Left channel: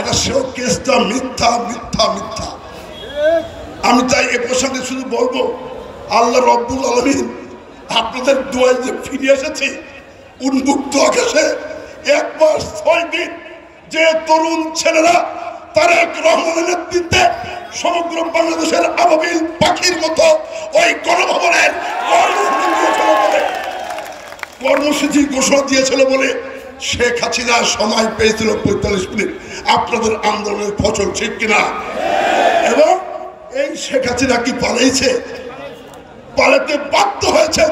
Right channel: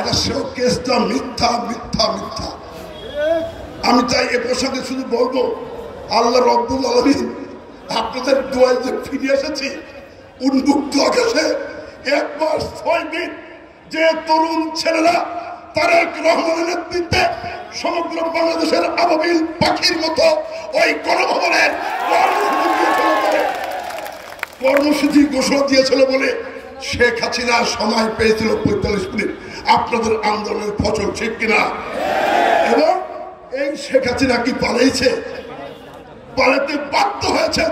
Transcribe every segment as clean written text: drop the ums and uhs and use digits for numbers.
এটা সেও কেসটা মিথ্যা মিথ্যা মিথ্যা। আমি তাই এ প্রসঙ্গে শুধু বলবো, আল্লাহ রব্বুল আলামিন আপনাদের দোয়ায় যে ফিরে এসেছি উন্মুক্ত আকাশে 1 মাস 6 দিন, যে তরুণ ছেলেরা তারেক রহমানের নেতৃত্বে সমগ্র বাংলাদেশের আবাবিল পাখির মতো ওই গণভবনের কর্মসূচি ঘোষণা দিয়েছিল বলে শেখ হাসিনা সময় পেয়েছিল 45 মিনিট আপনাদের আন্দোলনের ফসল, ঠিক কিনা? এবং এই শেখ হাসিনা কি পালাইছে? পালাতে বাধ্য হয়েছে।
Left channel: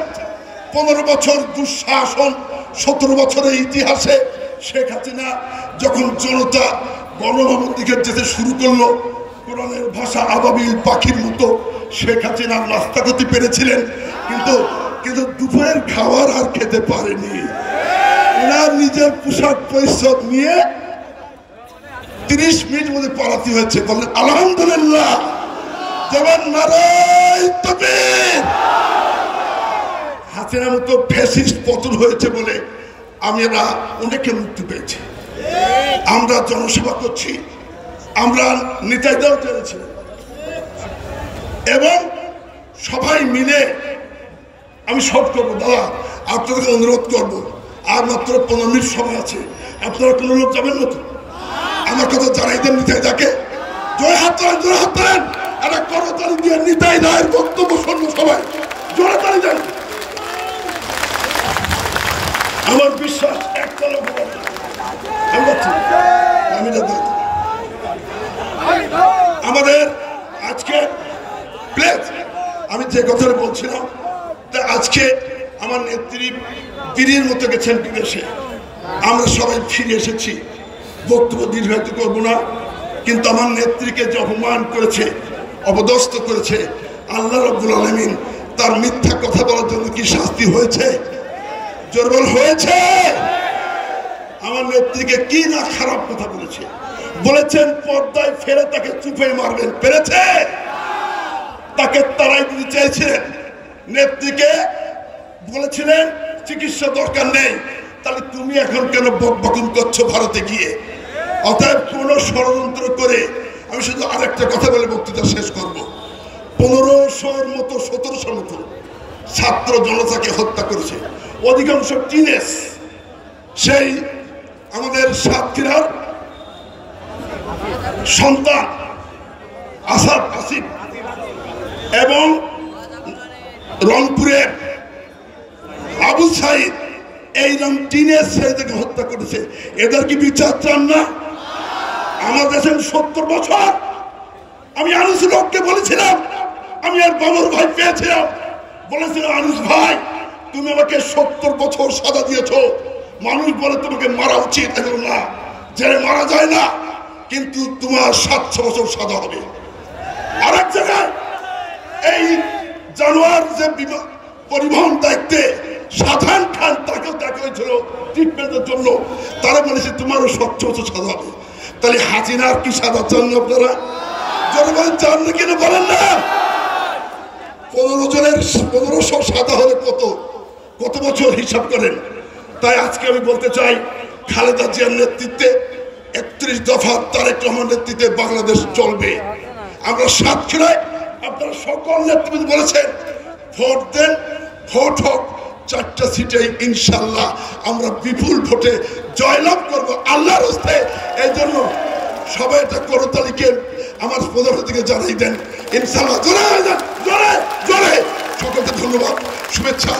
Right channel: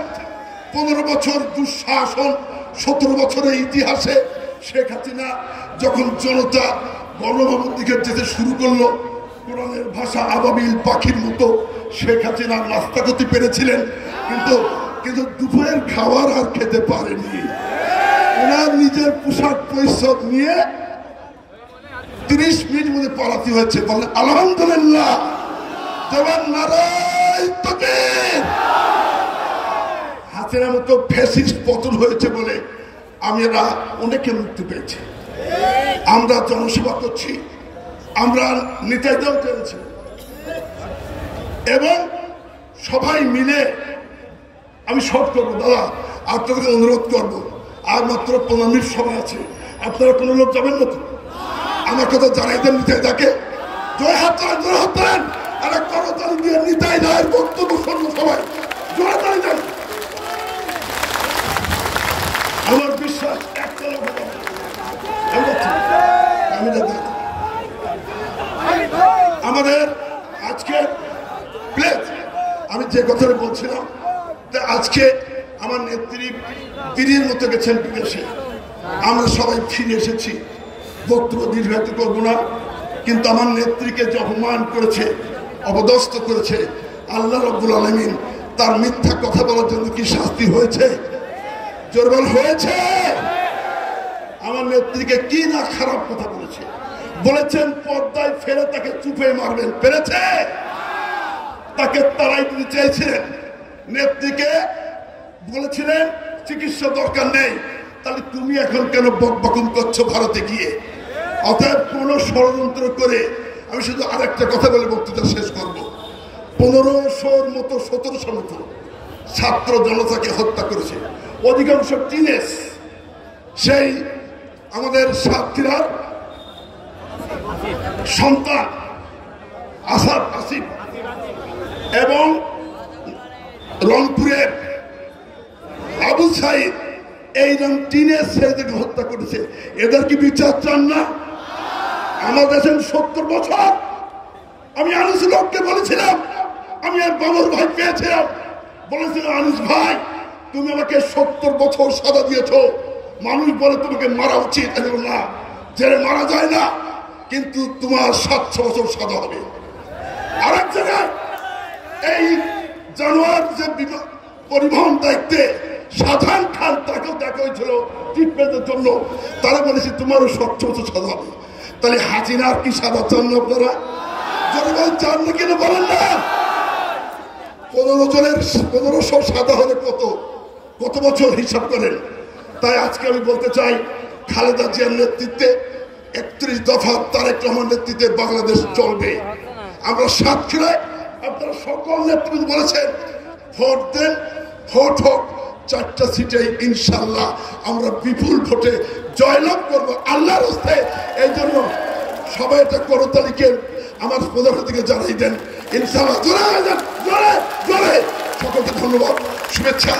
15 বছর দুঃশাসন, 17 বছরের ইতিহাসে শেখ হাসিনা যখন জনতা গণভবন দিকে যেতে শুরু করলো, কোরআনের ভাষা আবাবিল পাখির মতো শেখ হাসিনা নাস্তা করতে পেরেছিলেন, কিন্তু দুপুরের খাবার আর খেতে পারেনি। ওনার নিজের পোশাক পরিচ্ছদ নিয়ে 30 মিনিট মধ্যে পালাতে হয়েছে। বললেন আলহামদুলিল্লাহ, জবান নারায়ে তাকবীর। হাসিনার মতো ফ্যাসিস্ট পতন হয়েছে বলে আমরা অনেকে মুক্তি পেয়েছি। আমরা জনসভা করছি, আমরা নেতাদেরও পেয়েছি, এবং সবাই মিলে আমি শর্ট করবো। দাদা, আপনাদেরকে অনুরোধ করবো, আর মাত্র 15 মিনিট সময় আছে, আপনারা কোনো লোক যাবেন না তো? আমার কথা জানাই দেন নিতাইদাকে। জোরে হাত তোলেন, জোরে হাত তোলেন। একটা করতালি দিয়ে নিতাইদার বক্তব্য শুনবো সবাই, জোরে তালি দেন। আমার বিশ্বাস একটা লোক হবে না। আমাদের আজকে প্লেস, আমি যে কথাটা বলছিলাম, আজকে আমার নেত্রী বীরের মতো গেছেন বিদেশে, আমরা সবাই ফিরে এসেছি। বক্তব্য দীর্ঘায়িত করব না, কিন্তু আমার নেত্রীকে যে অপমান করেছে, অপদস্থ করেছে, আল্লাহ রাব্বুল আলামিন তার মিথ্যা কথা বলার জন্য কি শাস্তি হয়েছে? জোরবল হয়েছে? আমার নেত্রীকে কি না খারাপ কথা বলেছে, বলেছেন পর্দায় ফেলে তাকে চুপে মারবেন, পেরেছে? তাকে তারাই দিতে চাইছিলেন। নেত্রীকে বলেছিলেন চিকিৎসা দরকার নেই, তাহলে তুমি এখন কেন বকবকুন করছো ভারতে গিয়ে? অতএব কোন ষড়যন্ত্র করে, আমি শুধু আরেকটা কথা বলে বক্তৃতা শেষ করব। 1500-র মতো 1700-র মতো ছাত্র জনতাকে হত্যা করেছে, অধিকাংশ টিনেজ। সেই আমাদের সাতক্ষীরার সন্তান আসাদ আসিফ এবং রংপুরের আবু সাইদ, এইরকম টিনেজ ছেলেদেরকে হত্যা করেছে। এদের কি বিচার চান না? আমার কাছে 70 বছর। আমি আনুস লোককে বলেছিলাম, আমি আর বাবুর ভাই পেয়েছিলাম, বলেছিলাম আনুস ভাই তুমি আমাকে 70 বছর সাজা দিয়েছ, মানুষ বলে তোমাকে মারা উচিত, না জেলে মারা যায় না, কিন্তু তোমার 700 বছর সাজা হবে। আরেক জায়গায় এই জানোয়ার যে পরিবহন দায়িত্বে সাধারণ খান, তাকেও দেখা হয়েছিল ট্রিটমেন্টের জন্য, তারা বলেছে তোমারও 700 বছর সাজা হবে। তাহলে হাসিনার কি সাজা চান না আপনারা? জনগণ চান না কেন বলেন না? 1500 সাজা হলে কত বছর হিসাব করেন? তাই আজকে আমি বলতে চাই, খালেদা জিয়ার নেতৃত্বে 31 দফা তারেক রহমান নেতৃত্বে বাংলাদেশ চলবে। আমরা সাতক্ষীরায় আপনারা সকল নেতৃত্ব বলেছেন ভোট দেন, ভোট হোক, 4টা সিটে ইনশাল্লাহ আমরা বিপুল ভোটে জয়লাভ করবো আল্লাহর হস্তে। এই জন্য সবাই এটা করতালিকে আমার প্রধানের দিকে জানাই দেন ইনশাল্লাহ। জোরে জোরে জোরে সকলকে ধন্যবাদ, শুভেচ্ছা।